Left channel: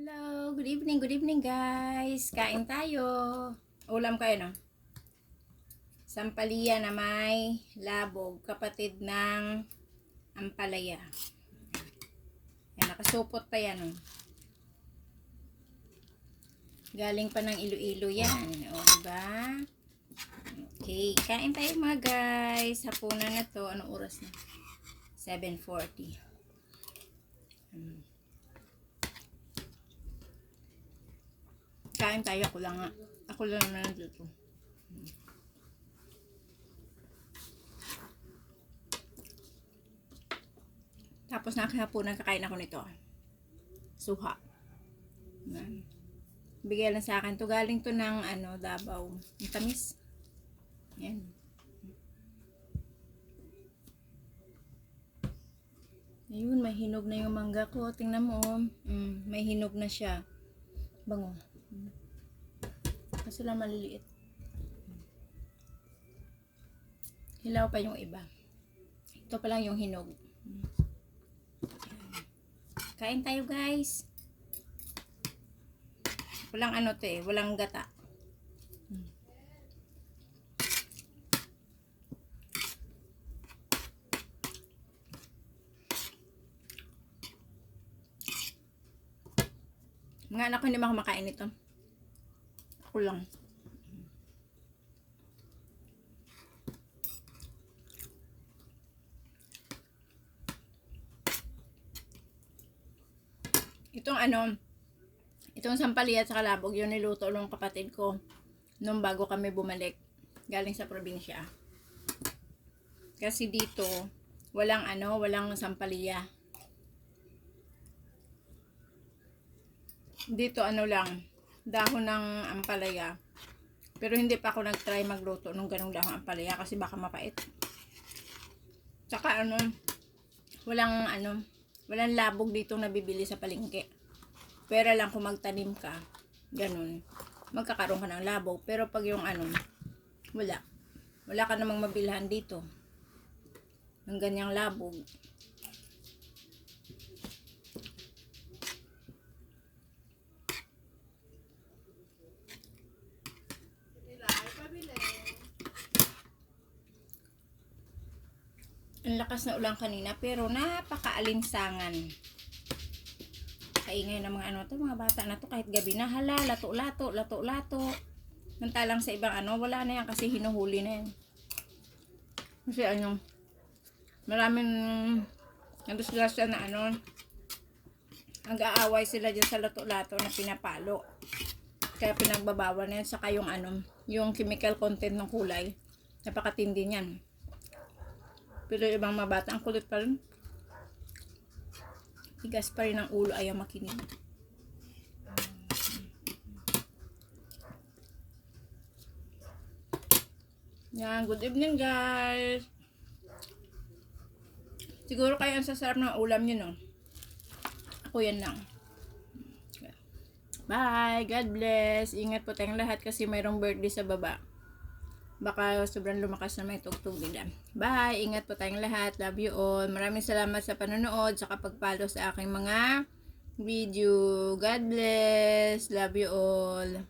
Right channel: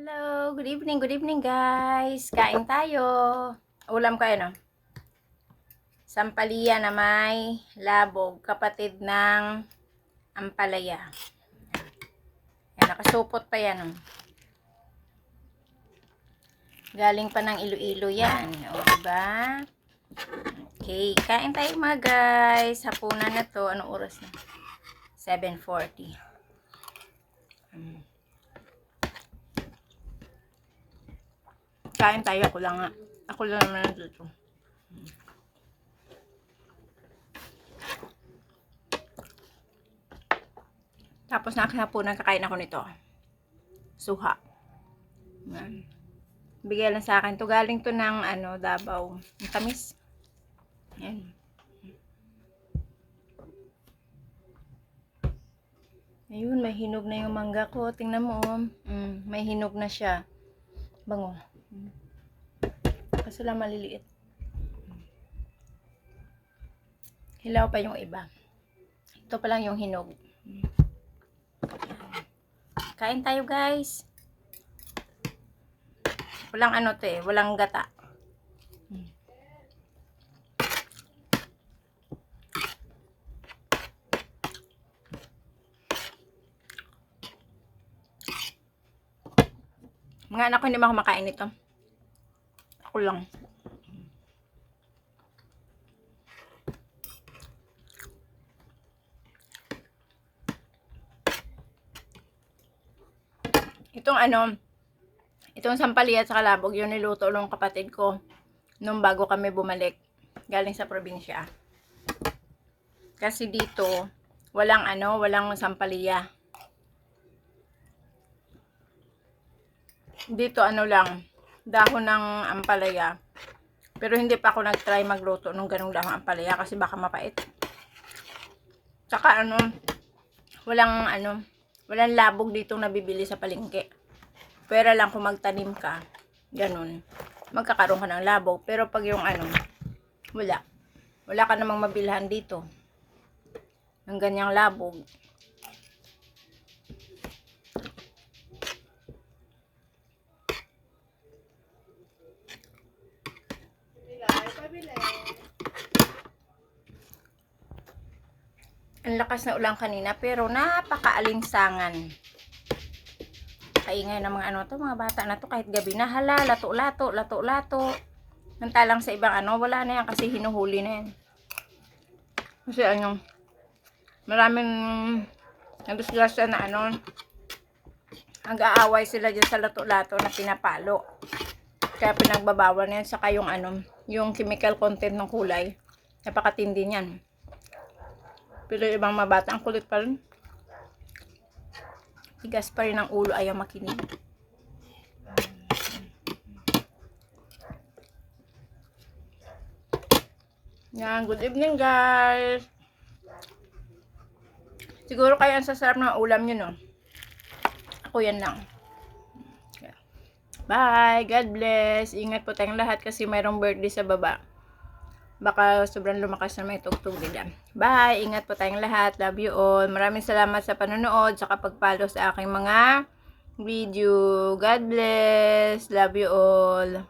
Hello, good evening guys. Kain tayo. Ulam ko no. Sampalaya na may labog, kapatid ng ampalaya. Yan, nakasupot pa yan. Galing pa ng Iloilo yan. O, diba? Okay, kain tayo mga guys. Hapunan na to. Anong oras na? 7:40. Kain tayo, ako lang naman nandito. Tapos nakinapunan, kakain ako nito. Suha. Yan. Bigay lang sa akin to. Galing to ng Davao. Ang tamis. Yan. Ayun, may hinog na yung mangga ko. Tingnan mo, may hinog na siya. Bango. Kaso lang maliliit. Hilaw pa yung iba. Ito pa lang yung hinog. Kain tayo guys. Walang walang gata. Mga anak ko hindi man kumakain nito. Ako lang. Itong sampalaya at saka labog, yun niluto ng kapatid ko nung bago kami bumalik galing sa probinsya. Kasi dito walang sampalaya. Dito lang, dahon ng ampalaya. Pero hindi pa ako nag-try magluto nung ganung dahon ampalaya kasi baka mapait. Saka walang labog dito nabibili sa palengke. Pero lang kung magtanim ka, ganun, magkakaroon ka ng labog. Pero pag yung wala ka namang mabilhan dito ng ganyang labog. Ang lakas na ulan kanina pero napakaalinsangan. Kaingay ng mga bata na to kahit gabi na, hala, lato-lato. Mantalang sa ibang wala na yan kasi hinuhuli na yan. Kasi maraming nagdisgrasya na nag-aaway sila dyan sa lato-lato na pinapalo. Kaya pinagbabawal na yan. Saka yung chemical content ng kulay, napakatindi niyan. Pero ibang mabata, ang kulit pa rin. Tigas pa rin ang ulo, ayaw makinig. Yan, good evening guys. Siguro kaya ang sasarap ng ulam nyo, no? Ako yan lang. Bye, God bless. Ingat po tayong lahat kasi mayroong birthday sa baba. Baka sobrang lumakas na may tugtog nila. Bye! Ingat po tayong lahat. Love you all. Maraming salamat sa panonood, sa pag-follow sa aking mga video. God bless. Love you all.